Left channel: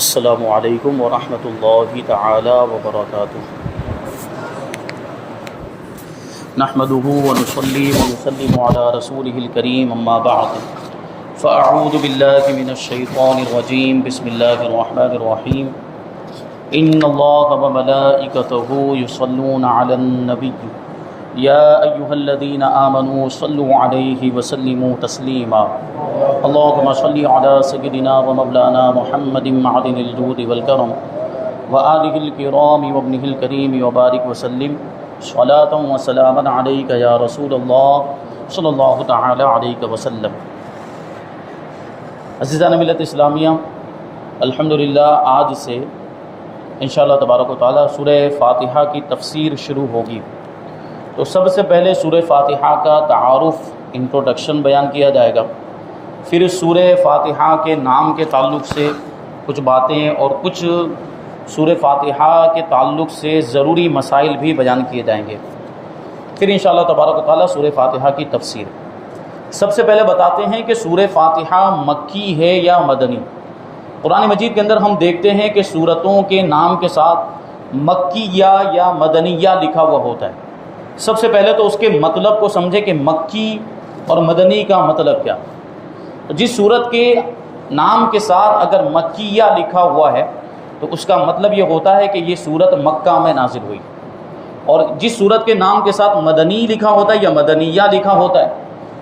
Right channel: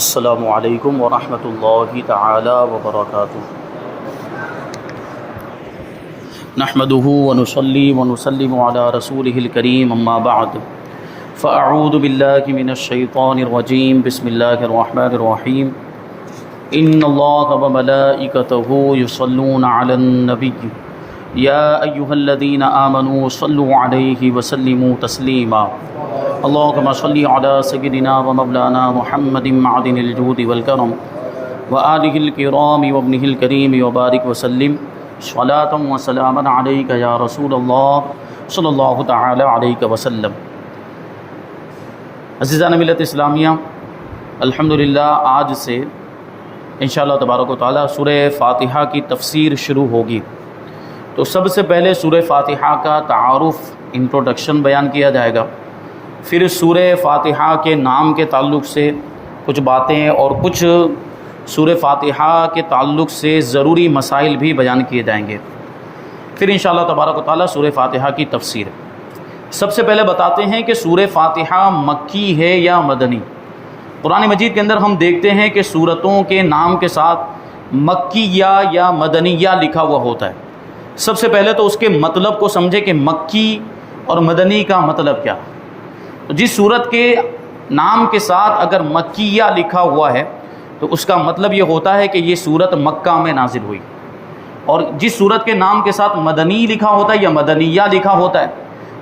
السلام علیکم ورحمۃ اللہ تعالی وبرکاتہ۔ نحمده ونصلي ونسلم على رسوله الكريم اما بعد فاعوذ باللہ من الشیطان الرجیم بسم اللہ الرحمن الرحیم ان اللہ وملائکته یصلون علی النبی یا ایہا الذین آمنوا صلوا علیہ وسلموا تسلیما اللہم صلی علی سیدنا ومولانا محمد معدن الجود والکرم وآلہ الکرام وابنہ الکریم وبارک وسلم صلاۃ و سلاما علیک یا رسول اللہ صلی اللہ تعالی علیہ وسلم۔ عزیزان ملت اسلامیہ، الحمدللہ آج سے انشاءاللہ تبارک و تعالی سورہ فاتحہ کی تفسیر شروع ہوگی۔ تو سب سے پہلے سورہ فاتحہ کا تعارف، انٹروڈکشن بیان کیا جائے گا، پھر سورہ فاتحہ کے نام کے تعلق سے کچھ باتیں اور کچھ سورہ فاتحہ کے تعلق سے ضروری مسائل بھی بیان کیے جائیں گے، پھر انشاءاللہ تبارک و تعالی سورہ فاتحہ کی تفسیر۔ سب سے پہلے بتاتے ہیں کہ سورہ فاتحہ مکی ہے یا مدنی۔ قرآن مجید کے اندر ہم دیکھتے ہیں کہ سورتوں کے نام کے ساتھ مکیہ یا مدنیہ لکھا ہوا ہوتا ہے۔ سب سے پہلے تو اس کے مطلب کو سمجھے کہ مکی اور مدنی کا مطلب کیا۔ جس سورت کے نام کے ساتھ اگر مکیہ لکھا ہوا ہے تو اس کا مطلب یہ ہوتا ہے کہ یہ سورت مکہ میں نازل ہوئی، اور جس سورت کے نام کے ساتھ مدنی لکھا ہوتا ہے یا مدنیہ لکھا ہوتا ہے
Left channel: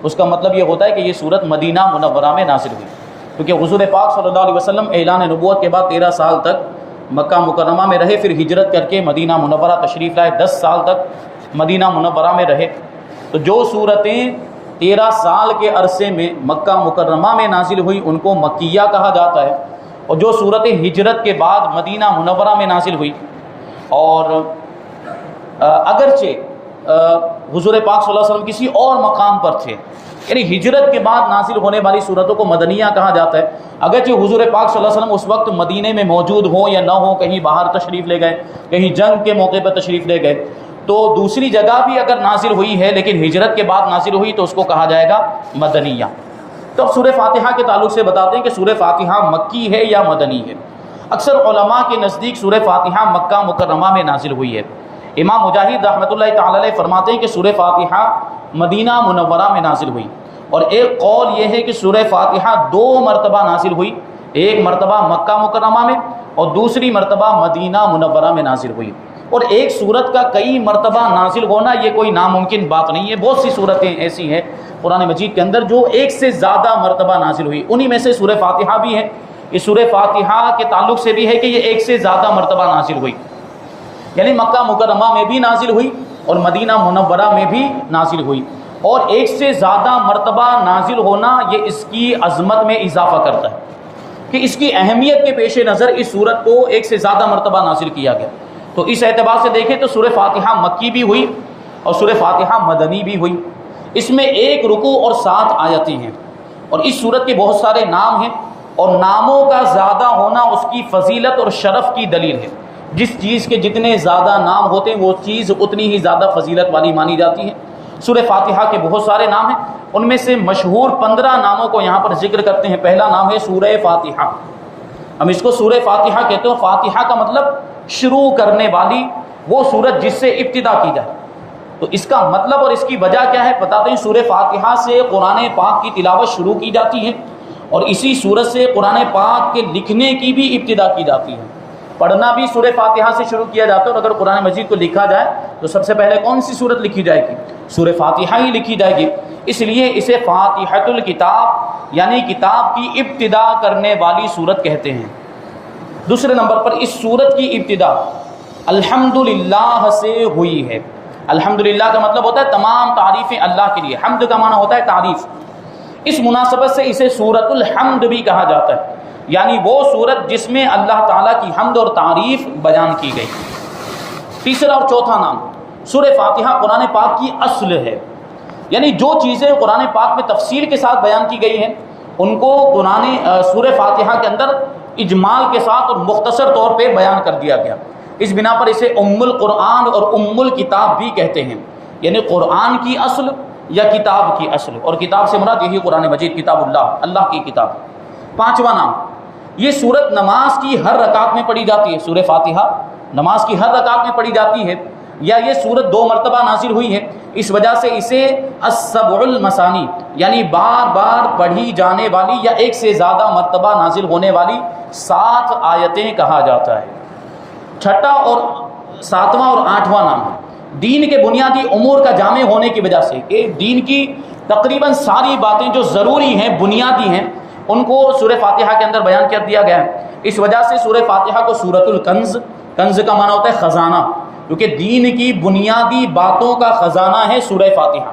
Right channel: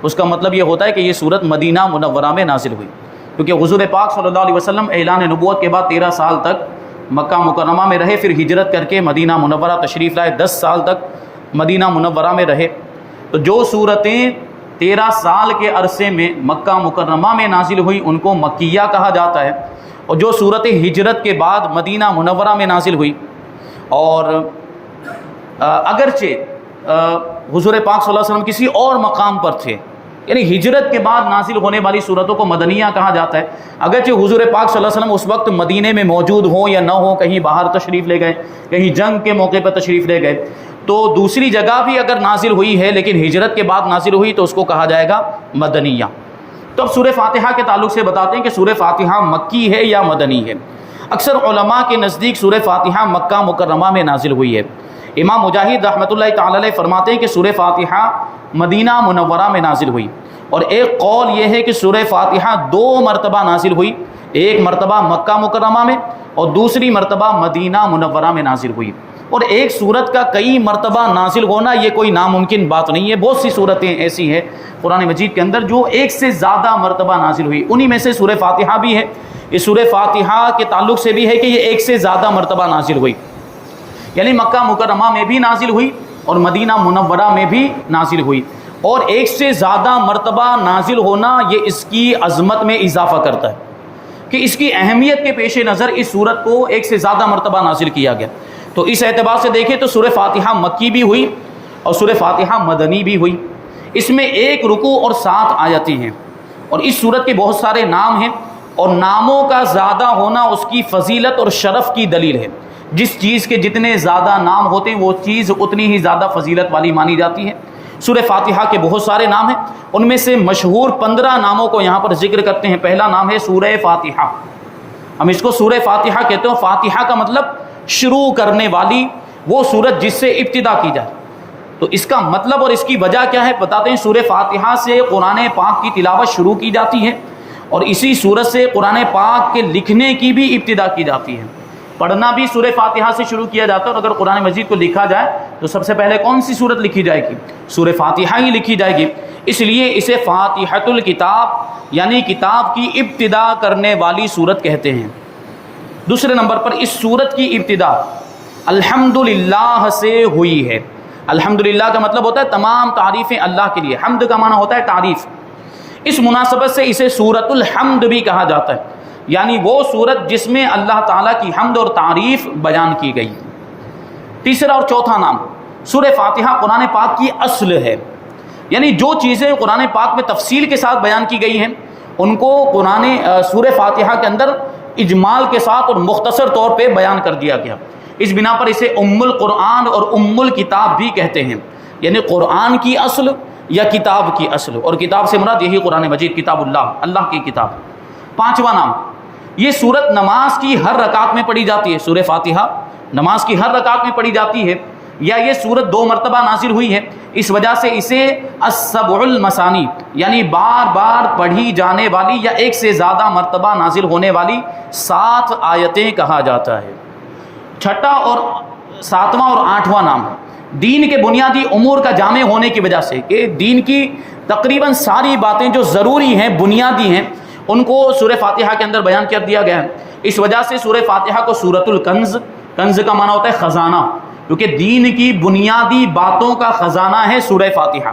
اس کا مطلب یہ ہوتا ہے کہ یہ سورت مدینہ منورہ میں نازل ہوئی، کیونکہ حضور پاک صلی اللہ علیہ وسلم اعلان نبوت کے بعد 13 سال تک مکہ مکرمہ میں رہے، پھر ہجرت کر کے مدینہ منورہ تشریف لائے، 10 سال تک مدینہ منورہ میں رہے۔ تو جو سورتیں 13 سال کے عرصے میں مکہ مکرمہ میں نازل ہوئی ان کو مکیہ کہا جاتا ہے، اور جو صورتیں ہجرت کے بعد مدینہ منورہ میں نازل ہوئی، اور اگرچہ حضور پاک صلی اللہ علیہ وسلم کسی اور مقام پر تھے، یعنی ہجرت کے بعد نازل ہونے والی صورتوں کو مدنیہ کہا جاتا ہے، اگرچہ حضور پاک صلی اللہ علیہ وسلم اس وقت مدینے میں موجود ہوں یا نہ ہوں، کہیں باہر تشریف لے گئے، کہیں جنگ کے موقع پر تشریف لے گئے، تو دوسری جگہ بھی اگر نازل ہوئی ہے لیکن ہجرت کے بعد نازل ہوئی تو اس کو کہا جائے گا مدنیہ۔ تو اب سورہ فاتحہ کے تعلق سے بتاتے ہیں کہ سورہ فاتحہ مکی ہے یا مدنی ہے۔ اکثر علماء کے نزدیک سورہ فاتحہ مکہ مکرمہ میں نازل ہوئی ہے۔ امام مجاہد رحمۃ اللہ تعالی علیہ فرماتے ہیں کہ سورہ فاتحہ مدینہ منورہ میں نازل ہوئی، اور ایک قول یہ ہے کہ سورہ فاتحہ 2 مرتبہ نازل ہوئی، ایک مرتبہ مکہ مکرمہ میں اور دوسری مرتبہ مدینہ منورہ میں نازل ہوئی۔ اور ایک سورت کا کئی مرتبہ نازل ہونا یہ کوئی ناممکن بات نہیں ہے، بہت سی صورتیں ایسی ہیں قرآن مجید کے اندر جو ایک سے زیادہ مرتبہ نازل ہوئی، انہی میں سے سورہ فاتحہ بھی ہے۔ اس سورہ فاتحہ کے تعلق سے بھی ہے کہ یہ ایک سے زیادہ مرتبہ نازل ہوئی، یعنی مکہ مکرمہ میں بھی نازل ہوئی اور مدینہ منورہ میں بھی نازل ہوئی، اور ایک سے زیادہ مرتبہ نازل ہونا یہ اس کی عظمت میں اضافہ کرتا ہے کہ اس کی اہمیت کے پیش نظر اس سورت کو ایک سے زیادہ مرتبہ نازل کیا گیا۔ تو اس اعتبار سے دیکھیں تو سورہ فاتحہ مکی بھی ہوئی اور سورہ فاتحہ مدنی بھی ہوئی۔ اس میں 1 رکوع اور 7 آیتیں ہیں، اور اس سورت کے بہت سارے نام ہیں، اور ناموں کا زیادہ ہونا اس کی فضیلت اور شرف کی دلیل ہے۔ جس چیز کے جتنے زیادہ نام ہوتے ہیں وہ چیز اتنی ہی زیادہ فضیلت والی مانی جاتی ہے۔ سورہ فاتحہ کے بہت سارے نام ہیں، ان میں سے مشہور 15 ناموں کو یہاں پر ذکر کرتے ہیں۔ پہلا نام ہے سورہ فاتحہ، ہم اس کو سورہ فاتحہ کہتے ہیں۔ فاتحہ کا مطلب شروع کرنے والی، وہ سورت جس سے ابتدا کی جائے۔ تو اس کا مطلب اور اس کی وجہ کیا ہے بتاتے ہیں۔ سورہ فاتحہ سے قرآن پاک کی تلاوت شروع کی جاتی ہے، اور اسی سورت سے قرآن پاک کے لکھنے کی بھی ابتدا کی جاتی ہے۔ پڑھنا بھی سورہ فاتحہ سے شروع کیا جاتا ہے، اور اگر قرآن مجید کو لکھا جائے تو سب سے پہلے کون سی سورت لکھی جائے گی؟ سورہ فاتحہ ہی لکھی جائے گی۔ اس لیے اسے فاتحۃ الکتاب یعنی کتاب کی ابتدا کرنے والی سورت کہتے ہیں۔ دوسرے نمبر پر اس سورت کی ابتدا الحمدللہ سے ہوئی ہے۔ الحمدللہ کا مطلب ہوتا ہے تمام تعریفیں اللہ کے لیے، حمد کا معنی ہوتا ہے تعریف۔ اس مناسبت سے اسے سورۃ الحمد بھی کہا جاتا ہے، یعنی وہ سورت جس میں اللہ تعالیٰ کی حمد اور تعریف بیان کی گئی۔ تیسرا اور چوتھا نام، سورہ فاتحہ قرآن پاک کی اصل ہے، یعنی جو چیزیں قرآن پاک میں تفصیل کے ساتھ بیان کی گئی ہیں ان کو سورہ فاتحہ کے اندر اجمال کے ساتھ اور مختصر طور پہ بیان کر دیا گیا۔ اس بنا پر اسے ام القرآن اور ام الکتاب بھی کہتے ہیں، یعنی قرآن کی اصل یا کتاب کی اصل، اور کتاب سے مراد یہی قرآن مجید، کتاب اللہ، اللہ کی کتاب۔ پانچواں نام یہ سورت نماز کی ہر رکعت میں پڑھی جاتی ہے، سورہ فاتحہ نماز کی ہر رکعت میں پڑھی جاتی ہے، یا یہ سورت 2 مرتبہ نازل ہوئی ہے، اس وجہ سے اسے السبع المثانی یعنی بار بار پڑھی جانے والی یا ایک سے زیادہ مرتبہ نازل ہونے والی 7 آیتیں کہا جاتا ہے۔ چھٹا اور 7واں اور 8واں نام دین کے بنیادی امور کا جامع ہونے کی وجہ سے، کہ دین کی تقریباً ساری باتیں جو ضروری ہیں، بنیادی ہیں، ان کو سورہ فاتحہ کے اندر بیان کر دیا گیا ہے۔ اس وجہ سے سورہ فاتحہ کو سورۃ الکنز، کنز کا معنی ہوتا ہے خزانہ، کیونکہ دین کی بنیادی باتوں کا خزانہ ہے سورہ فاتحہ،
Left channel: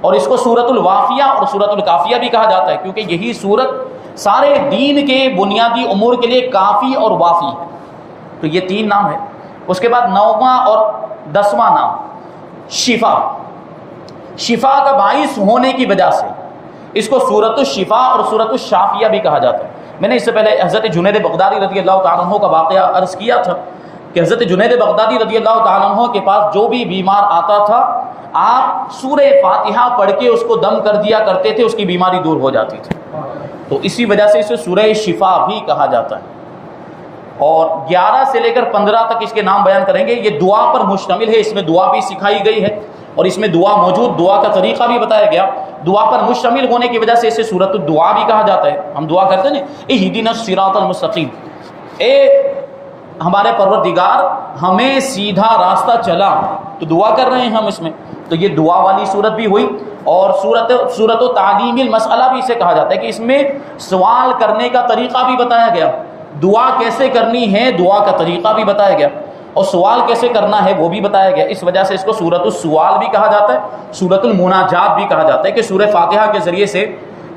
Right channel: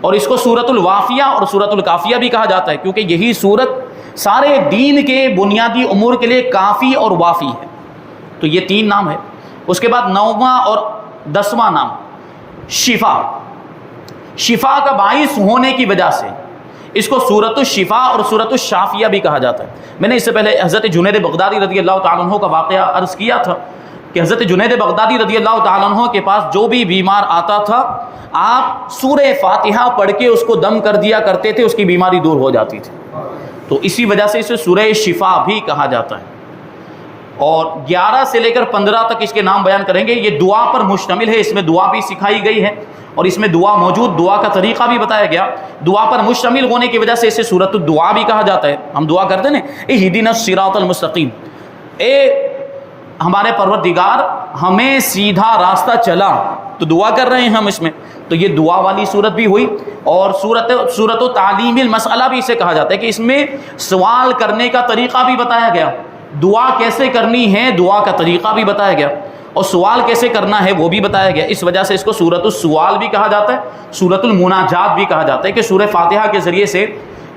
اور اس کو سورۃ الوافیہ اور سورۃ الکافیہ بھی کہا جاتا ہے، کیونکہ یہی سورت سارے دین کے بنیادی امور کے لیے کافی اور وافی ہے۔ تو یہ 3 نام ہے۔ اس کے بعد 9واں اور 10واں نام شفا، شفا کا باعث ہونے کی وجہ سے اس کو سورۃ الشفا اور سورۃ الشافیہ بھی کہا جاتا ہے۔ میں نے اس سے پہلے حضرت جنید بغدادی رضی اللہ تعالیٰ عنہ کا واقعہ عرض کیا تھا کہ حضرت جنید بغدادی رضی اللہ تعالیٰ عنہ کے پاس جو بھی بیمار آتا تھا، آپ سورہ فاتحہ پڑھ کے اس کو دم کر دیا کرتے تھے، اس کی بیماری دور ہو جاتی تھی۔ تو اسی وجہ سے اسے سورہ شفا بھی کہا جاتا ہے۔ اور 11 سے لے کر 15 تک اس کے نام بیان کریں گے۔ یہ دعا پر مشتمل ہے، اس میں دعا بھی سکھائی گئی ہے اور اس میں دعا موجود، دعا کا طریقہ بھی بتایا گیا۔ دعا پر مشتمل ہونے کی وجہ سے اسے سورۃ الدعا بھی کہا جاتا ہے۔ ہم دعا کرتے ہیں اہدنا الصراط المستقیم، اے ہمارے پروردگار ہمیں سیدھا راستہ چلا، تو دعا کر رہے ہیں ہم اس میں۔ تو یہ دعا والی صورت بھی ہوئی۔ اور سورۃ و تعلیم المسئلہ بھی اسے کہا جاتا ہے کہ اس میں سوال کرنے کا طریقہ بھی بتایا گیا، دعا کیسے کرنی ہے دعا کا طریقہ بھی بتایا گیا، اور سوال کیسے کرنا ہے وہ بھی بتایا گیا۔ اس وجہ سے اس کو سورۃ السوال بھی کہا جاتا ہے، سورۃ المناجات بھی کہا جاتا ہے، کہ سورہ فاتحہ کے ذریعے سے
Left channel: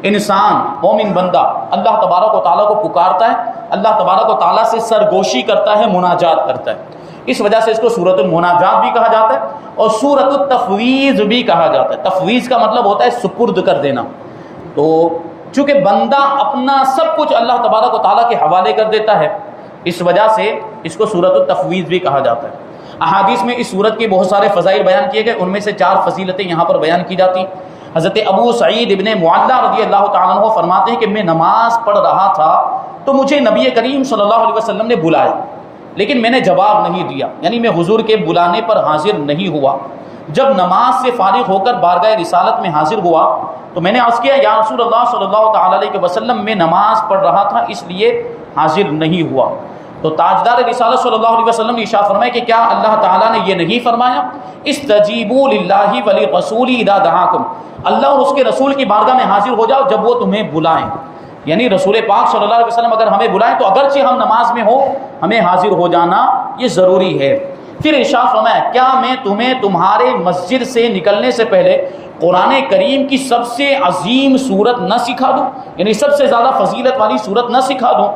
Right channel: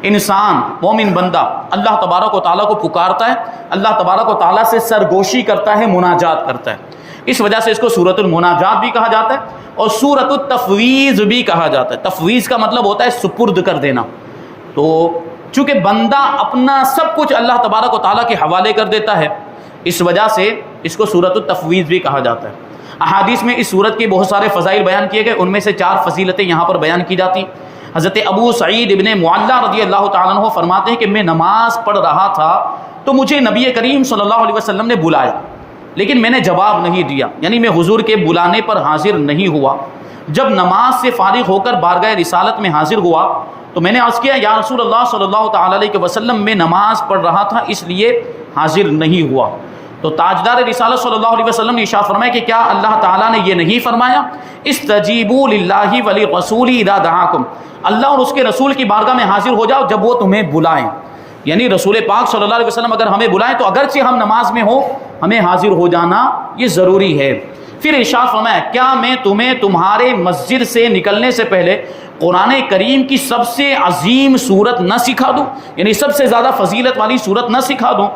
انسان مومن بندہ اللہ تبارک و تعالیٰ کو پکارتا ہے، اللہ تبارک و تعالیٰ سے سرگوشی کرتا ہے، مناجات کرتا ہے۔ اس وجہ سے اس کو سورۃ المناجات بھی کہا جاتا ہے اور سورۃ التفویض بھی کہا جاتا ہے۔ تفویض کا مطلب ہوتا ہے سپرد کر دینا۔ تو چونکہ بندہ اپنا سب کچھ اللہ تبارک و تعالیٰ کے حوالے کر دیتا ہے، اس وجہ سے اس کو سورۃ التفویض بھی کہا جاتا ہے۔ احادیث میں اس سورت کے بہت سارے فضائل بیان کیے گئے، ان میں سے 4 فضیلتیں یہاں پر بیان کی جاتی۔ حضرت ابو سعید ابن معلہ رضی اللہ تعالیٰ عنہ فرماتے ہیں کہ میں نماز پڑھ رہا تھا تو مجھے نبی کریم صلی اللہ علیہ وسلم نے بلایا، لیکن میں نے جواب نہیں دیا، یعنی میں حضور کے بلانے پر حاضر نہیں ہوا۔ جب نماز سے فارغ ہو کر بارگاہ رسالت میں حاضر ہوا تو میں نے عرض کیا یا رسول اللہ صلی اللہ تعالیٰ علیہ وسلم، میں نماز پڑھ رہا تھا اس لیے حاضر نہیں ہوا۔ تو تاجدار رسالت صلی اللہ علیہ وسلم نے ارشاد فرمایا کہ کیا اللہ تعالیٰ نے یہ نہیں فرمایا استجیبوا للہ ولرسولہ اذا دعاکم، اللہ اور اس کے رسول کی بارگاہ میں حاضر ہو جاؤ جب وہ تمہیں بلائیں۔ یعنی رسول پاک صلی اللہ علیہ وسلم اگر ہمیں بلائیں تو اگرچہ ہم نماز میں ہوں ہمیں حاضر ہو جانا یہ ضروری ہے۔ پھر ارشاد فرمایا کیا میں تمہیں تمہارے مسجد سے نکلنے سے پہلے قرآن کریم کی سب سے عظیم سورت نہ سکھا دوں، یعنی سب سے زیادہ فضیلت والی سورت نہ سکھا دوں؟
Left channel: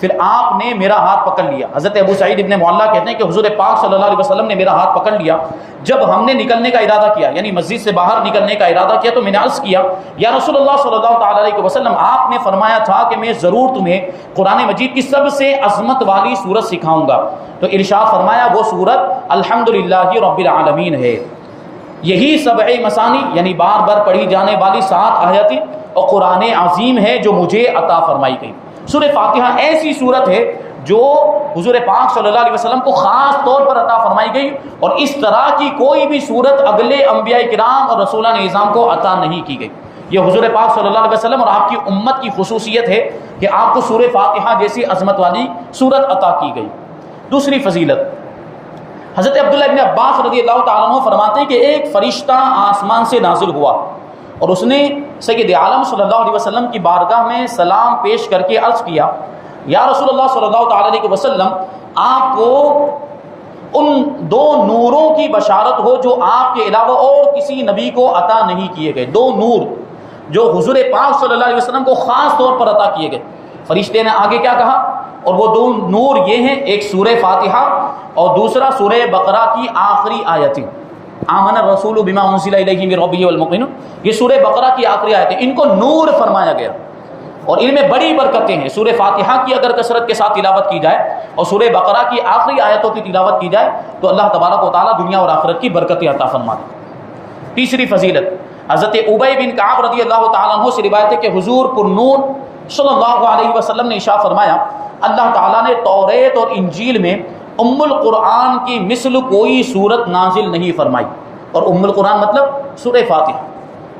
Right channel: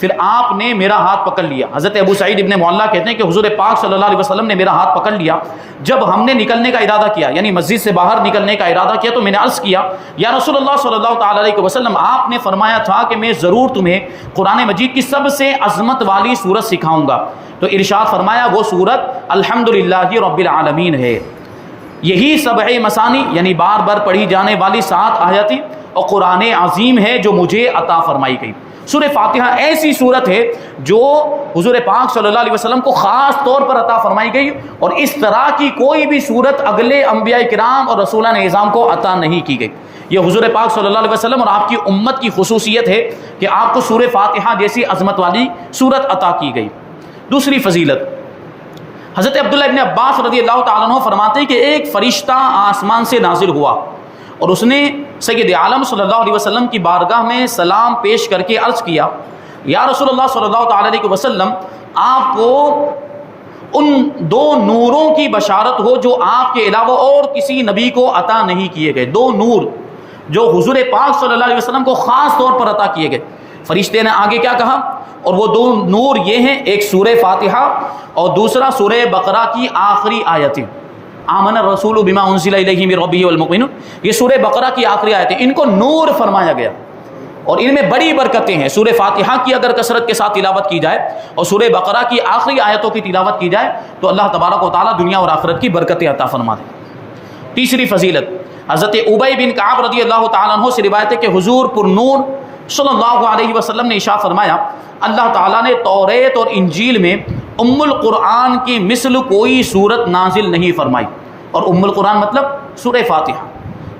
پھر آپ نے میرا ہاتھ پکڑ لیا۔ حضرت ابو سعید ابن معلہ کہتے ہیں کہ حضور پاک صلی اللہ علیہ وسلم نے میرا ہاتھ پکڑ لیا، جب ہم نے نکلنے کا ارادہ کیا، یعنی مسجد سے باہر نکلنے کا ارادہ کیا، تو میں نے عرض کیا یا رسول اللہ صلی اللہ تعالیٰ علیہ وسلم، آپ نے فرمایا تھا کہ میں ضرور تمہیں قرآن مجید کی سب سے عظمت والی سورت سکھاؤں گا۔ تو ارشاد فرمایا وہ سورت الحمدللہ رب العالمین ہے۔ یہی سبع مثانی یعنی بار بار پڑھی جانے والی 7 آیتیں اور قرآن عظیم ہے جو مجھے عطا فرمائی گئی۔ سورہ فاتحہ ایسی سورت ہے جو حضور پاک صلی اللہ علیہ وسلم کو خاص طور پر عطا فرمائی گئی، اور اس طرح کی کوئی بھی سورت اگلے انبیاء کرام اور رسولان اعظام کو عطا نہیں کی گئی۔ یہ حضور پاک صلی اللہ علیہ وسلم اور آپ کی امت کی خصوصیت ہے کہ آپ کو سورہ فاتحہ جیسی عظمت والی سورت عطا کی گئی۔ دوسری فضیلت، حضرت عبداللہ ابن عباس رضی اللہ تعالیٰ عنہ فرماتے ہیں کہ ایک فرشتہ آسمان سے نازل ہوا اور اس نے سید عالم صلی اللہ علیہ وسلم کی بارگاہ میں سلام پیش کر کے عرض کیا یا رسول اللہ صلی اللہ تعالیٰ علیہ وسلم، آپ کو ان 2 نوروں کی بشارت ہو جو آپ کے علاوہ اور کسی نبی کو عطا نہیں کیے گئے۔ 2 نور جو حضور پاک صلی اللہ علیہ وسلم کو خاص طور پر عطا کیے گئے۔ فرشتے نے آگے کیا کہا، اور وہ 2 نور یہ ہیں، ایک سورہ فاتحہ اور دوسرا سورہ بقرہ کی آخری آیتیں، آمن الرسول بما انزل الیہ من ربہ والمؤمنون، یہ سورہ بقرہ کی آخری آیتیں، ان کو نور فرمایا گیا اور ان میں بڑی برکتیں ہیں۔ سورہ فاتحہ کی اگر کثرت کے ساتھ تلاوت کی جائے اور سورہ بقرہ کی آخری آیتوں کی تلاوت کی جائے تو اللہ تبارک و تعالیٰ دنیا اور آخرت کی برکتیں عطا فرما دے۔ تیسری فضیلت، حضرت ابی بن کعب رضی اللہ تعالیٰ عنہ سے روایت ہے کہ حضور پر نور صلی اللہ علیہ وسلم نے ارشاد فرمایا اللہ تعالیٰ نے توریت اور انجیل میں ام القرآن کی مثل کوئی صورت نازل نہیں فرمائی. اور ام القرآن مطلب سورہ فاتحہ،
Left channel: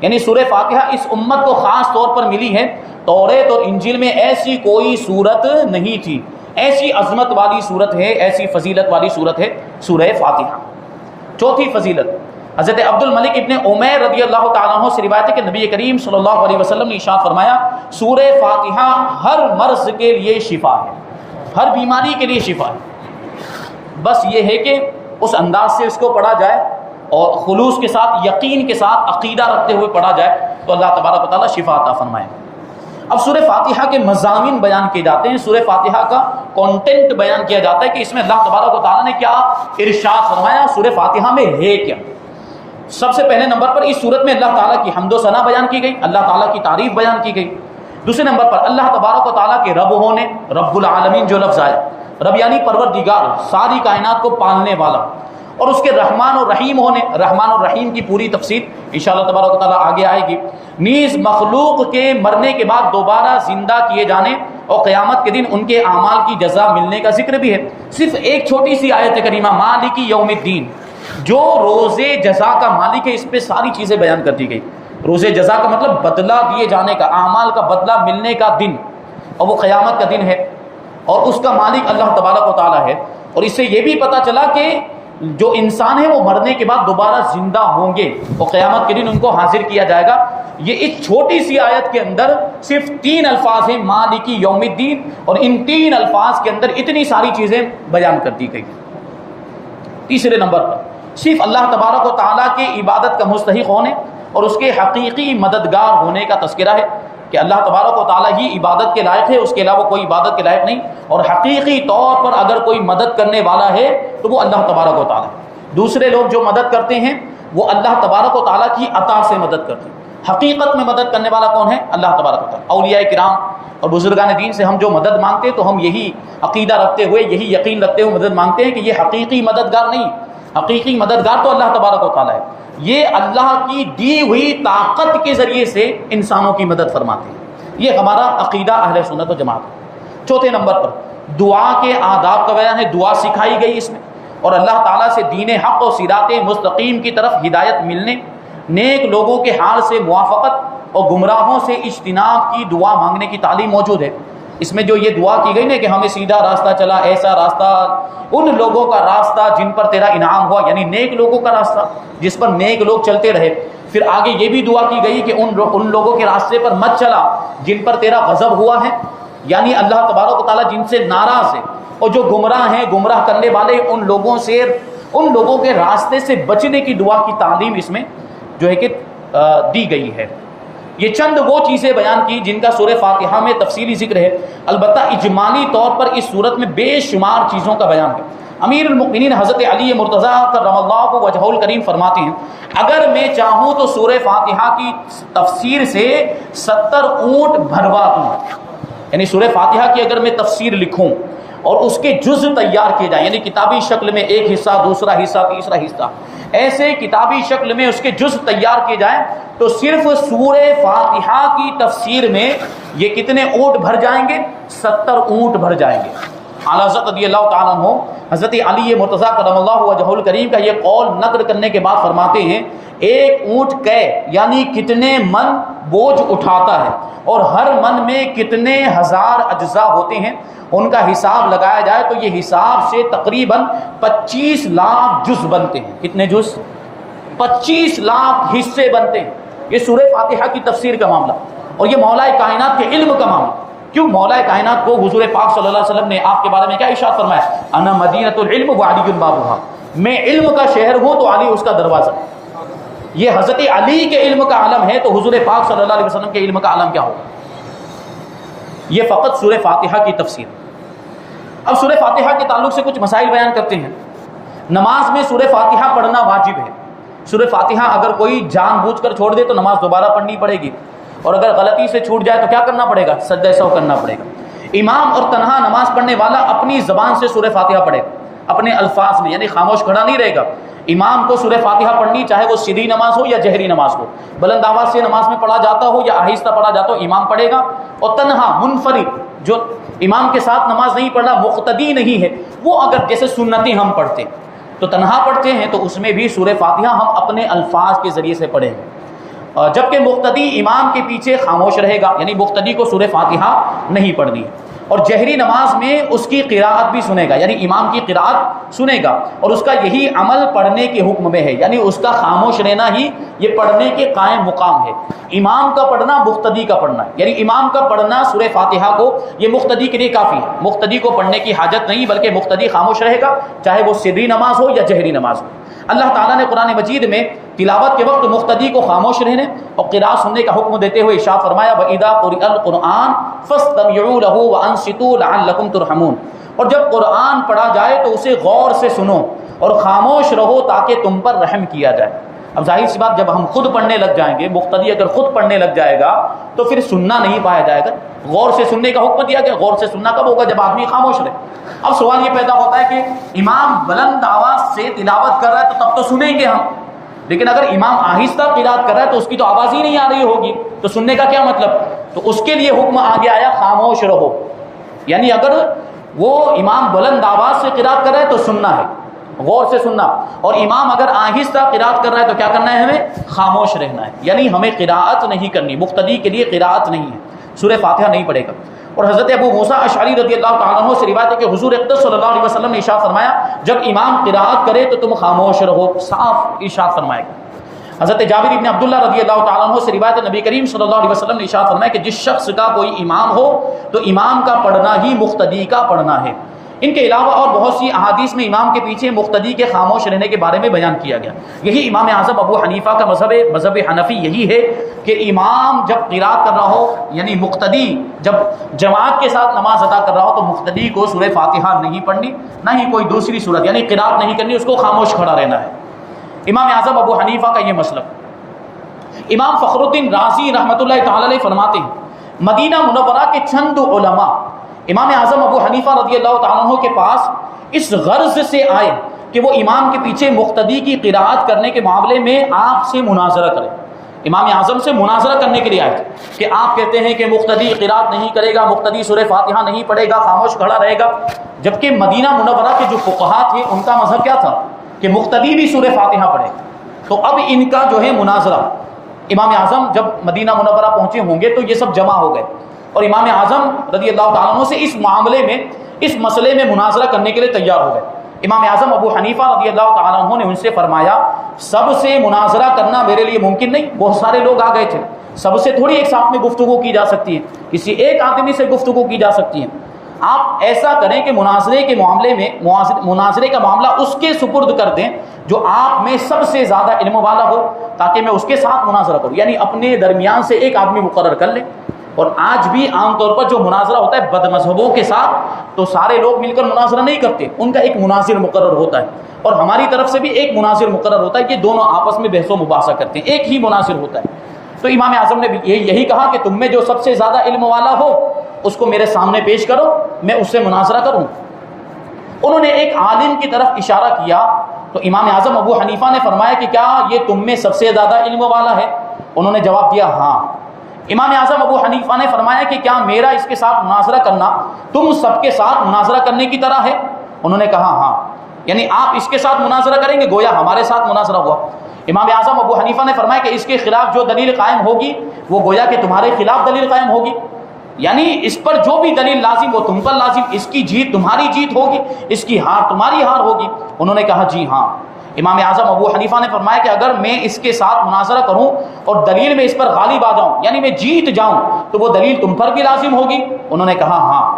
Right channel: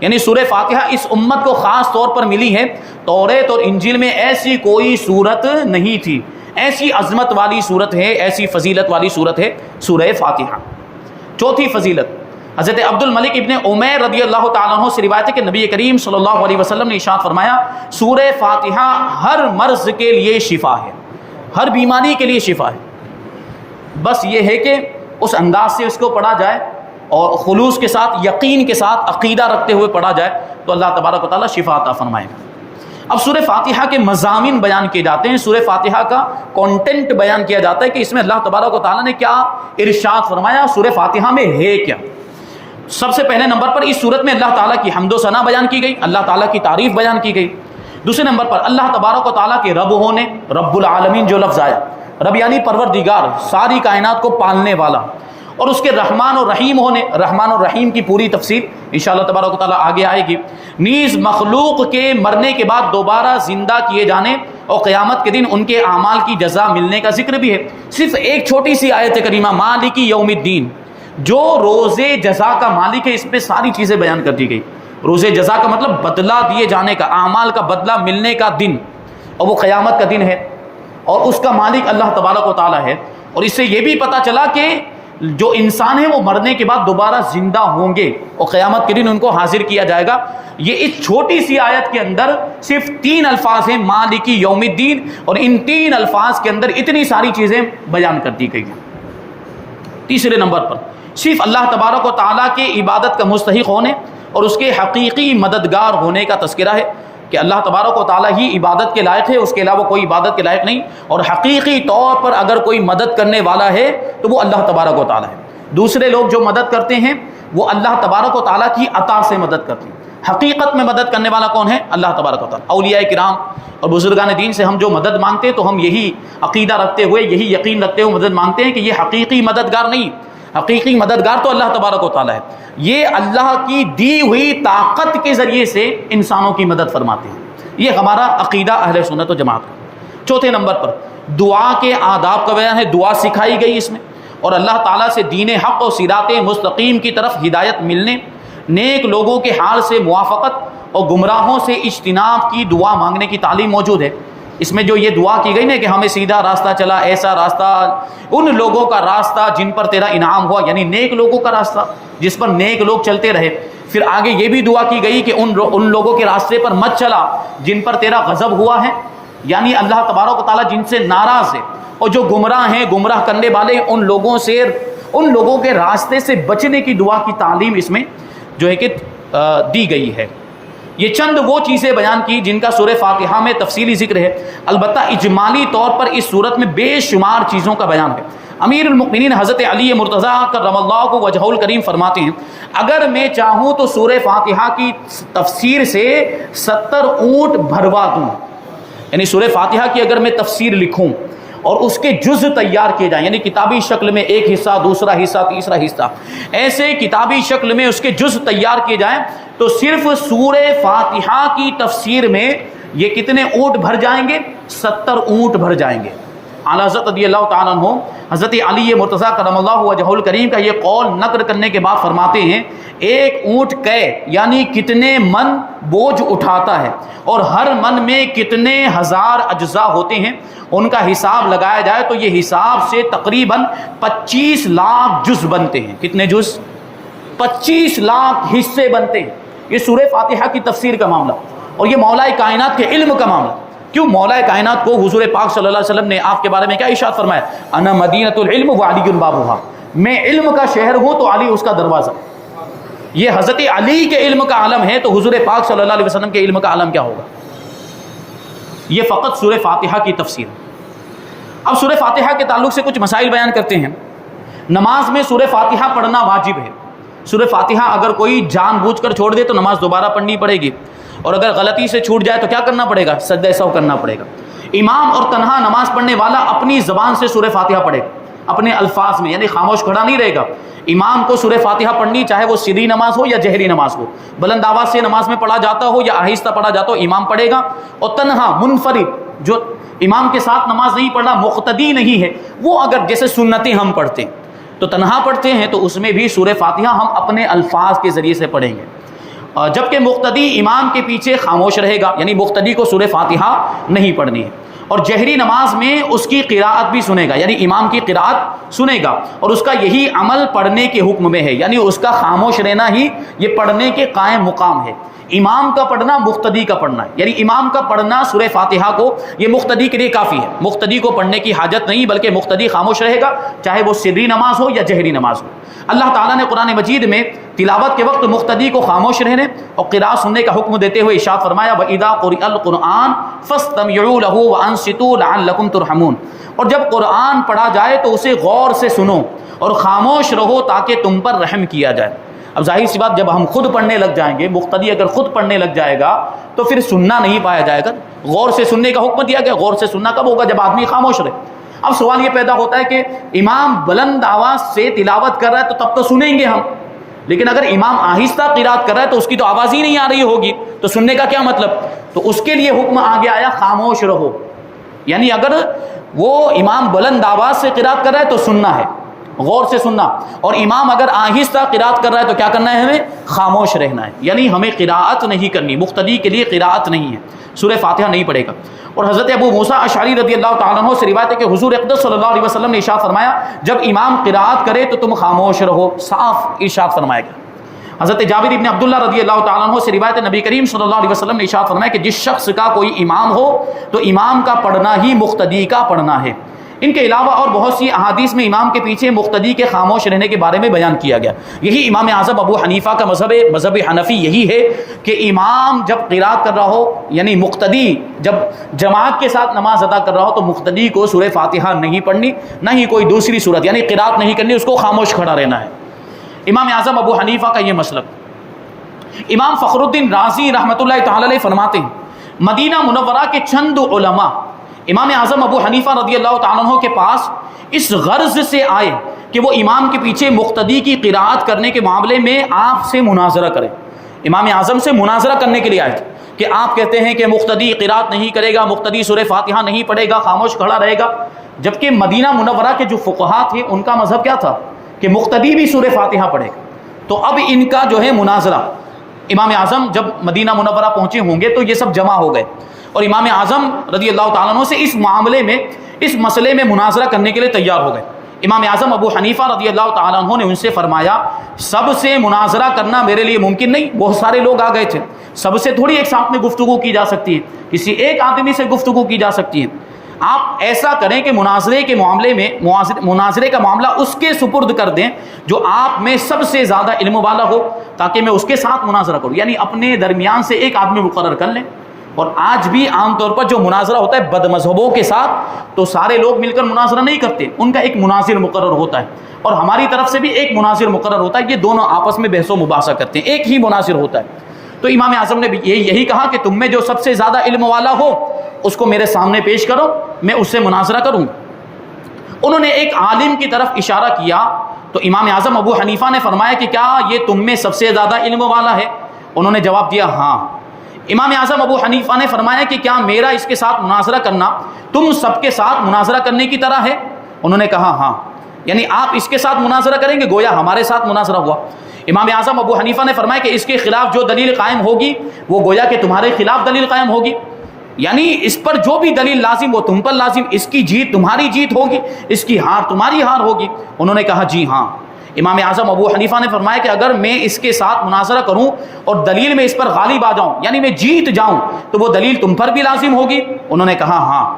یعنی سورہ فاتحہ اس امت کو خاص طور پر ملی ہے. توریت اور انجیل میں ایسی کوئی صورت نہیں تھی. ایسی عظمت والی صورت ہے، ایسی فضیلت والی صورت ہے سورہ فاتحہ. چوتھی فضیلت، حضرت عبد الملک ابن عمیر رضی اللہ تعالیٰ عنہ سے روایت ہے کہ نبی کریم صلی اللہ علیہ وسلم نے ارشاد فرمایا سورہ فاتحہ ہر مرض کے لیے شفا ہے، ہر بیماری کے لیے شفا ہے. بس یہ ہے کہ اس انداز سے اس کو پڑھا جائے اور خلوص کے ساتھ، یقین کے ساتھ، عقیدہ رکھتے ہوئے پڑھا جائے تو اللہ تبارک و تعالیٰ شفا عطا فرمائے. اب سورہ فاتحہ کے مضامین بیان کیے جاتے ہیں، سورہ فاتحہ کا کانٹینٹ بیان کیا جاتا ہے کہ اس میں اللہ تبارک و تعالیٰ نے کیا ارشاد فرمایا، سورہ فاتحہ میں ہے کیا. سب سے پہلے نمبر پر اس صورت میں اللہ تعالیٰ کی حمد و ثنا بیان کی گئی، اللہ تعالیٰ کی تعریف بیان کی گئی. دوسرے نمبر پر اللہ تبارک و تعالیٰ کے رب ہونے، رب العالمین جو لفظ آیا، رب یعنی پروردگار، ساری کائنات کو پالنے والا، اور اس کے رحمان اور رحیم ہونے، رحمان اور رحیم کی پوری تفسیر انشاءاللہ تبارک و تعالیٰ آگے آئے گی. نیز مخلوق کے مرنے کے بعد دوبارہ زندہ کیے جانے اور قیامت کے دن ان کے اعمال کی جزا ملنے کا ذکر بھی ہے. صرف ایک چھوٹی سی آیت کریمہ مالک یوم الدین، جو روز جزا کا مالک ہے، اس پہ ساری چیزیں بیان کر دی گئی. روز جزا کا مطلب بدلہ دیے جانے کا، اعمال کا بدلہ ملنے کا دن، اور وہ قیامت کا دن ہے، اور اس کا مالک اللہ تبارک و تعالیٰ ہے. اور اس سے یہ بھی پتہ چلا کہ جو انسان ہے وہ مرنے کے بعد دوبارہ زندہ ہوں گے اور قیامت کے دن ان کو حاضر کیا جائے گا. یہ اس چھوٹی سی آیت کے اندر صرف 3 الفاظ ہیں، مالکی یوم الدین، اور ان 3 الفاظ کے اندر اتنی ساری چیزیں بیان کر دی گئی ہیں. تیسرے نمبر پر صرف اللہ تبارک و تعالیٰ کے عبادت کا مستحق ہونے اور اس کے حقیقی مددگار ہونے کا تذکرہ ہے کہ اللہ تبارک و تعالیٰ ہی عبادت کے لائق ہے، اس کے علاوہ کوئی عبادت کے لائق نہیں، اور حقیقی طور پر اگر کوئی مدد کرنے والا ہے تو وہ اللہ تبارک و تعالیٰ ہے. دوسرے لوگ جو مدد کرتے ہیں وہ اللہ تبارک و تعالیٰ کی عطا سے مدد کرتے ہیں. حقیقت میں مدد کرنے والا کون ہے؟ اللہ تبارک و تعالیٰ. اولیاء کرام اور بزرگان دین سے ہم جو مدد مانگتے ہیں تو ہم یہی عقیدہ رکھتے ہوئے، یہی یقین رکھتے ہوئے مدد مانگتے ہیں کہ یہ حقیقی مددگار نہیں، حقیقی مددگار تو اللہ تبارک و تعالیٰ ہے. یہ اللہ کی دی ہوئی طاقت کے ذریعے سے انسانوں کی مدد فرماتے ہیں. یہ ہمارا عقیدہ اہل سنت و جماعت ہے. چوتھے نمبر پر دعا کے آداب کا بیان ہے. دعا سکھائی گئی اس میں، اور اللہ تعالیٰ سے دین حق و صراط مستقیم کی طرف ہدایت ملنے، نیک لوگوں کے حال سے موافقت اور گمراہوں سے اجتناب کی دعا مانگنے کی تعلیم موجود ہے. اس میں جو یہ دعا کی گئی نا کہ ہمیں سیدھا راستہ چلا، ایسا راستہ، ان لوگوں کا راستہ جن پر تیرا انعام ہوا، یعنی نیک لوگوں کا راستہ جس پر نیک لوگ چلتے رہے. پھر آگے یہ بھی دعا کی گئی کہ ان لوگوں کے راستے پر مت چلا جن پر تیرا غضب ہوا ہے، یعنی اللہ تبارک و تعالیٰ جن سے ناراض ہے، اور جو گمراہ ہیں، گمراہ کرنے والے، ان لوگوں کے راستے سے بچنے کی دعا کی تعلیم اس میں جو ہے کہ دی گئی ہے. یہ چند وہ چیزیں بیان کی جن کا سورہ فاتحہ میں تفصیلی ذکر ہے. البتہ اجمالی طور پر اس صورت میں بے شمار چیزوں کا بیان ہے. امیر المؤمنین حضرت علی مرتضیٰ کرم اللہ وجہہ الکریم فرماتے ہیں اگر میں چاہوں تو سورہ فاتحہ کی تفسیر سے 70 اونٹ بھروا دوں. یعنی سورہ فاتحہ کی اگر میں تفسیر لکھوں اور اس کے جز تیار کیے جائیں، یعنی کتابی شکل میں ایک حصہ، دوسرا حصہ، تیسرا حصہ، ایسے کتابی شکل میں اس کے جز تیار کیے جائیں تو صرف سورہ فاتحہ کی تفسیر میں یہ کتنے اونٹ بھر جائیں گے؟ 70 اونٹ بھر جائیں گے. اعلیٰ حضرت رضی اللہ تعالیٰ عنہ حضرت علی مرتضیٰ کرم اللہ وجہہ الکریم کا یہ قول نقل کرنے کے بعد فرماتے ہیں ایک اونٹ کے یعنی کتنے من بوجھ اٹھاتا ہے اور ہر من میں کتنے ہزار اجزاء ہوتے ہیں، ان کا حساب لگایا جائے تو یہ حساب سے تقریباً 25 لاکھ جز بنتے ہیں. کتنے جز؟ 25 لاکھ حصے بنتے ہیں. یہ سورہ فاتحہ کی تفسیر کا معاملہ، اور یہ مولا کائنات کے علم کا معاملہ. کیوں مولا کائنات کو حضور پاک صلی اللہ علیہ وسلم نے آپ کے بارے میں کیا ارشاد فرمایا؟ انا مدینۃ العلم وعلی بابھا، میں علم کا شہر ہوں تو علی اس کا دروازہ. یہ حضرت علی کے علم کا عالم ہے تو حضور پاک صلی اللہ علیہ وسلم کے علم کا عالم کیا ہوگا؟ یہ فقط سورہ فاتحہ کی تفسیر. اب سورہ فاتحہ کے تعلق سے کچھ مسائل بیان کرتے ہیں. نماز میں سورہ فاتحہ پڑھنا واجب ہے. سورہ فاتحہ اگر کوئی جان بوجھ کر چھوڑ دے تو نماز دوبارہ پڑھنی پڑے گی، اور اگر غلطی سے چھوٹ جائے تو کیا کرنا پڑے گا؟ سجدہ سہو کرنا پڑے گا. امام اور تنہا نماز پڑھنے والا اپنی زبان سے سورہ فاتحہ پڑھے گا، اپنے الفاظ میں، یعنی خاموش کھڑا نہیں رہے گا. امام کو سورہ فاتحہ پڑھنی، چاہے وہ سری نماز ہو یا جہری نماز ہو، بلند آواز سے نماز میں پڑھا جاتا ہو یا آہستہ پڑھا جاتا ہو، امام پڑھے گا۔ اور تنہا منفرد جو امام کے ساتھ نماز نہیں پڑھ رہا، مقتدی نہیں ہے، وہ اگر جیسے سنتیں ہم پڑھتے تو تنہا پڑھتے ہیں تو اس میں بھی سورہ فاتحہ ہم اپنے الفاظ کے ذریعے سے پڑھیں گے، جبکہ مقتدی امام کے پیچھے خاموش رہے گا، یعنی مقتدی کو سورہ فاتحہ نہیں پڑھنی ہے۔ اور جہری نماز میں اس کی قراءت بھی سنے گا، یعنی امام کی قراءت سنے گا، اور اس کا یہی عمل پڑھنے کے حکم میں ہے، یعنی اس کا خاموش رہنا ہی یہ پڑھنے کے قائم مقام ہے۔ امام کا پڑھنا مقتدی کا پڑھنا ہے، یعنی امام کا پڑھنا سورہ فاتحہ کو یہ مقتدی کے لیے کافی ہے، مقتدی کو پڑھنے کی حاجت نہیں، بلکہ مقتدی خاموش رہے گا، چاہے وہ سری نماز ہو یا جہری نماز ہو۔ اللہ تعالیٰ نے قرآن مجید میں تلاوت کے وقت مقتدی کو خاموش رہنے اور قراءت سننے کا حکم دیتے ہوئے ارشاد فرمایا وَإِذَا قُرِئَ الْقُرْآنُ فَاسْتَمِعُوا لَهُ وَأَنصِتُوا لَعَلَّكُمْ تُرْحَمُونَ، اور جب قرآن پڑھا جائے تو اسے غور سے سنو اور خاموش رہو تاکہ تم پر رحم کیا جائے۔ اب ظاہر سی بات، جب ہم خود پڑھنے لگ جائیں گے، مقتدی اگر خود پڑھنے لگ جائے گا تو پھر سننا نہیں پایا جائے گا۔ غور سے سننے کا حکم دیا گیا، غور سے سننا کب ہوگا؟ جب آدمی خاموش رہے۔ اب سوال یہ پیدا ہوتا ہے کہ امام بلند آواز سے تلاوت کر رہا ہے تو تب تو سنیں گے ہم، لیکن اگر امام آہستہ قرات کر رہا ہے تو اس کی تو آواز ہی نہیں آ رہی ہوگی، تو سننے کا کیا مطلب؟ تو اس کے لیے حکم آگے آیا خاموش رہو، یعنی اگر وہ امام بلند آواز سے قرات کر رہا ہے تو سننا ہے، غور سے سننا، اور امام اگر آہستہ قرات کر رہا ہے تو کیا کرنا ہے؟ ہمیں خاموش رہنا ہے، یعنی ہمیں قرات نہیں کرنی، مقتدی کے لیے قرات نہیں ہے، سورہ فاتحہ نہیں پڑھے گا۔ اور حضرت ابو موسیٰ اشعری رضی اللہ تعالیٰ عنہ سے روایت ہے کہ حضور اقدس صلی اللہ علیہ وسلم نے ارشاد فرمایا جب امام قرات کرے تو تم خاموش رہو، صاف ارشاد فرمایا گیا۔ حضرت جابر ابن عبداللہ رضی اللہ تعالیٰ عنہ سے روایت ہے نبی کریم صلی اللہ علیہ وسلم نے ارشاد فرمایا کہ جس شخص کا کوئی امام ہو تو امام کا پڑھنا ہی مقتدی کا پڑھنا ہے۔ ان کے علاوہ اور بہت سی احادیث میں امام کے پیچھے مقتدی کے خاموش رہنے کے بارے میں بیان کیا گیا۔ یہی امام اعظم ابو حنیفہ کا مذہب حنفی یہی ہے کہ امام جب قرات کر رہا ہو، یعنی مقتدی جب جماعت کے ساتھ نماز ادا کر رہا ہو تو مقتدی کو سورہ فاتحہ نہیں پڑھنی، نہ ہی کوئی دوسری صورت یعنی قرات نہیں کرنی، اس کو خاموش کھڑا رہنا ہے۔ امام اعظم ابو حنیفہ کا یہ مسلک۔ امام فخر الدین رازی رحمۃ اللہ تعالی علیہ فرماتے ہیں مدینہ منورہ کے چند علماء امام اعظم ابو حنیفہ رضی اللہ تعالیٰ عنہ کے پاس اس غرض سے آئے کہ وہ امام کے پیچھے مقتدی کی قرات کرنے کے معاملے میں آپ سے مناظرہ کریں۔ امام اعظم سے مناظرہ کرنے کے لیے آئے تھے کہ آپ کہتے ہیں کہ مقتدی قرات نہیں کرے گا، مقتدی سورہ فاتحہ نہیں پڑھے گا، خاموش کھڑا رہے گا، جبکہ مدینہ منورہ کے جو فقہا تھے ان کا مذہب کیا تھا کہ مقتدی بھی سورہ فاتحہ پڑھے گا۔ تو اب ان کا جو ہے مناظرہ، امام اعظم جب مدینہ منورہ پہنچے ہوں گے تو یہ سب جمع ہو گئے اور امام اعظم رضی اللہ تعالیٰ عنہ سے اس معاملے میں، اس مسئلے میں مناظرہ کرنے کے لیے تیار ہو گئے۔ امام اعظم ابو حنیفہ رضی اللہ تعالیٰ عنہ نے ان سے فرمایا سب سے مناظرہ کرنا میرے لیے ممکن نہیں، بہت سارے لوگ آ گئے تھے، سب سے تھوڑی ایک ساتھ میں گفتگو کی جا سکتی ہے، کسی ایک آدمی سے گفتگو کی جا سکتی ہے۔ آپ ایسا کریں کہ مناظرے کے معاملے میں مناظرے کا معاملہ اس کے سپرد کر دیں جو آپ میں سب سے زیادہ علم والا ہو، تاکہ میں اس کے ساتھ مناظرہ کروں، یعنی اپنے درمیان سے ایک آدمی مقرر کر لیں۔ اور آج بھی عام طور پر جو مناظرہ ہوتا ہے بد مذہبوں کے ساتھ تو سارے لوگ مل کر مناظرہ نہیں کرتے، ان کا ایک مناظر مقرر ہوتا ہے اور ہماری طرف سے بھی ایک مناظر مقرر ہوتا ہے، یہ دونوں آپس میں بحث و مباحثہ کرتے ہیں، ایک ہی مناظر ہوتا ہے۔ تو امام اعظم نے بھی یہی کہا کہ تم میں جو سب سے زیادہ علم والا ہو اس کو میرے سامنے پیش کرو، میں اس سے مناظرہ کروں۔ انہوں نے ایک عالم کی طرف اشارہ کیا تو امام اعظم ابو حنیفہ نے فرمایا کہ کیا یہ تم میں سب سے زیادہ علم والا ہے؟ انہوں نے جواب دیا ہاں۔ امام اعظم ابو حنیفہ نے فرمایا کہ کیا میرا اس کے ساتھ مناظرہ کرنا تم سب کے ساتھ مناظرہ کرنے کی طرح ہے؟ انہوں نے کہا ہاں، یعنی آپ اس کے ساتھ مناظرہ کریں گے گویا ہمارے ساتھ مناظرہ ہوا۔ امام اعظم ابو حنیفہ نے فرمایا کہ اس کے خلاف جو دلیل قائم ہوگی وہ گویا کہ تمہارے خلاف دلیل قائم ہوگی، یعنی اس پر جو بھی دلیل لازم وہ تم پر لازم، اس کی جیت تمہاری جیت ہوگی، اس کی ہار تمہاری ہار ہوگی۔ انہوں نے کہا جی ہاں۔ امام اعظم ابو حنیفہ نے فرمایا کہ اگر میں اس کے ساتھ مناظرہ کروں اور دلیل میں اس پر غالب آ جاؤں، یعنی میں جیت جاؤں، تو وہ دلیل تم پر بھی لازم ہوگی؟ انہوں نے کہا ہاں۔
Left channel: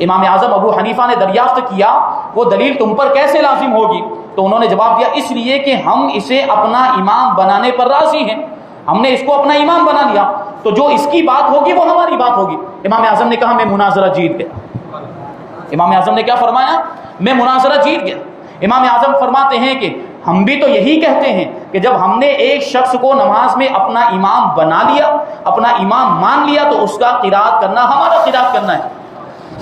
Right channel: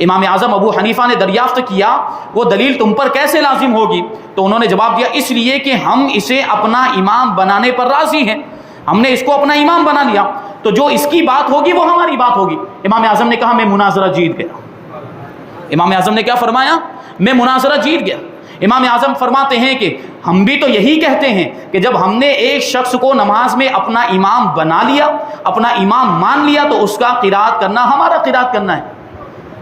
امام اعظم ابو حنیفہ نے دریافت کیا وہ دلیل تم پر کیسے لازم ہوگی؟ تو انہوں نے جواب دیا اس لیے کہ ہم اسے اپنا امام بنانے پر راضی ہیں، ہم نے اس کو اپنا امام بنا لیا تو جو اس کی بات ہوگی وہ ہماری بات ہوگی۔ امام اعظم نے کہا میں مناظرہ جیت گیا۔ امام اعظم نے کیا فرمایا؟ میں مناظرہ جیت گیا۔ امام اعظم فرماتے ہیں کہ ہم بھی تو یہی کہتے ہیں کہ جب ہم نے ایک شخص کو نماز میں اپنا امام بنا لیا، اپنا امام مان لیا، تو اس کا قرات کرنا ہمارا قرات کرنا ہے،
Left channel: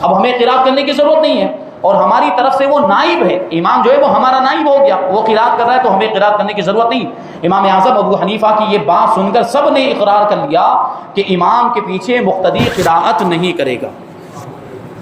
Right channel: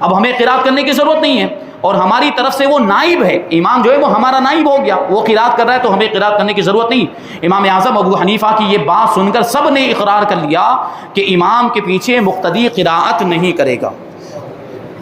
اب ہمیں قرات کرنے کی ضرورت نہیں ہے۔ اور ہماری طرف سے وہ نائب ہے، امام جو ہے وہ ہمارا نائب ہو گیا، وہ قرات کر رہا ہے تو ہمیں قرات کرنے کی ضرورت نہیں۔ امام اعظم ابو حنیفہ کی یہ بات سن کر سب نے اقرار کر لیا کہ امام کے پیچھے مقتدی قرات نہیں کرے گا۔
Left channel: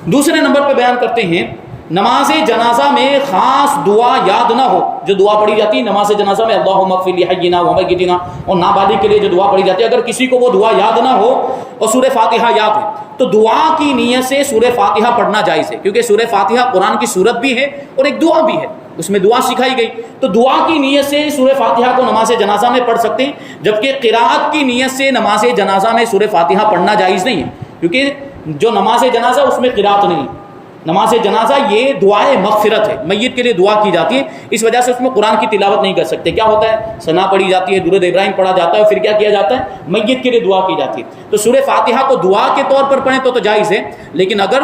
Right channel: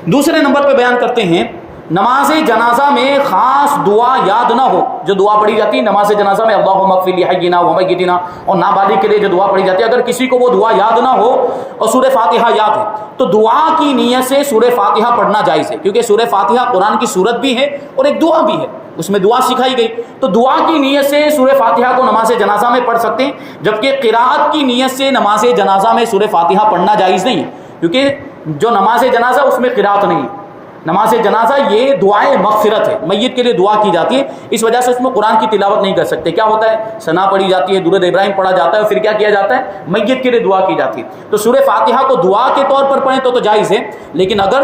دوسرے نمبر پہ بیان کرتے ہیں نماز جنازہ میں خاص دعا یاد نہ ہو، جو دعا پڑھی جاتی ہے نماز جنازہ میں اللہم اغفر لحینا ومیتنا، اور نابالغ کے لیے جو دعا پڑھی جاتی ہے، اگر کسی کو وہ دعا یاد نہ ہو اور سورہ فاتحہ یاد ہے تو دعا کی نیت سے سورہ فاتحہ پڑھنا جائز ہے، کیونکہ سورہ فاتحہ قرآن کی سورت بھی ہے اور ایک دعا بھی ہے، اس میں دعا سکھائی گئی، تو دعا کی نیت سے سورہ فاتحہ کو نماز جنازہ میں پڑھ سکتے ہیں، جبکہ قراءت کی نیت سے نماز جنازہ میں سورہ فاتحہ پڑھنا جائز نہیں ہے، کیونکہ جو نماز جنازہ اس میں قراءت نہیں ہے۔ نماز جنازہ یہ دعائے مغفرت ہے، میت کے لیے دعا کی جاتی ہے، اس وجہ سے اس میں قرآن کی تلاوت نہیں کر سکتے۔ کیا ہوتا ہے، ثنا پڑھی جاتی ہے، درود ابراہیم پڑھا جاتا ہے، اور پھر کیا کیا جاتا ہے، میت کے لیے دعا کی جاتی ہے۔ تو سورہ فاتحہ کو دعا کے طور پر پڑھیں تو جائز ہے، لیکن اگر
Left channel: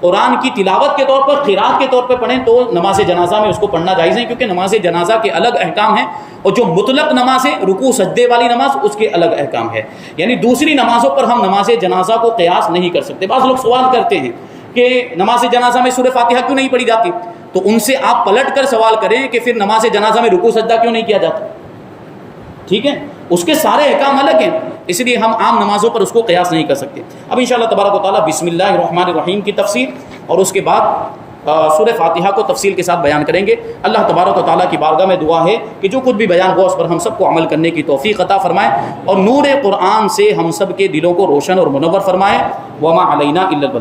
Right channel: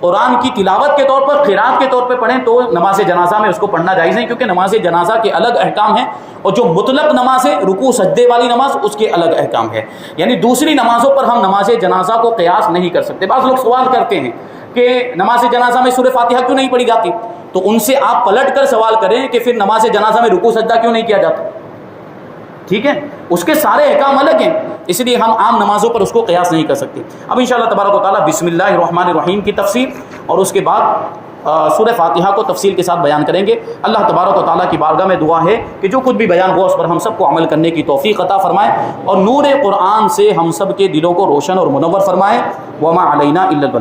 قرآن کی تلاوت کے طور پر، قرات کے طور پر پڑھیں تو نماز جنازہ میں اس کو پڑھنا جائز ہے، کیونکہ نماز جنازہ کے الگ احکام ہیں، اور جو مطلق نماز ہے رکوع سجدے والی نماز، اس کے الگ احکام ہے، یعنی دوسری نمازوں پر ہم نماز جنازہ کو قیاس نہیں کر سکتے۔ بعض لوگ سوال کرتے ہیں کہ نماز جنازہ میں سورہ فاتحہ کیوں نہیں پڑھی جاتی، تو ان سے آپ پلٹ کر سوال کریں کہ پھر نماز جنازہ میں رکوع سجدہ کیوں نہیں کیا جاتا؟ ٹھیک ہے، اس کے سارے احکام الگ ہیں، اس لیے ہم عام نمازوں پر اس کو قیاس نہیں کر سکتے۔ اب انشاءاللہ تبارک و تعالیٰ بسم اللہ الرحمن الرحیم کی تفسیر اور اس کے بعد سورہ فاتحہ کو تفصیل کے ساتھ بیان کریں گے۔ اللہ تبارک و تعالیٰ کی بارگاہ میں دعا ہے کہ جو کچھ بھی بیان ہوا اس پر ہم سب کو عمل کرنے کی توفیق عطا فرمائے، اور نور قرآن سے ہم سب کے دلوں کو روشن اور منور فرمائے۔ وما علینا الا البلاغ۔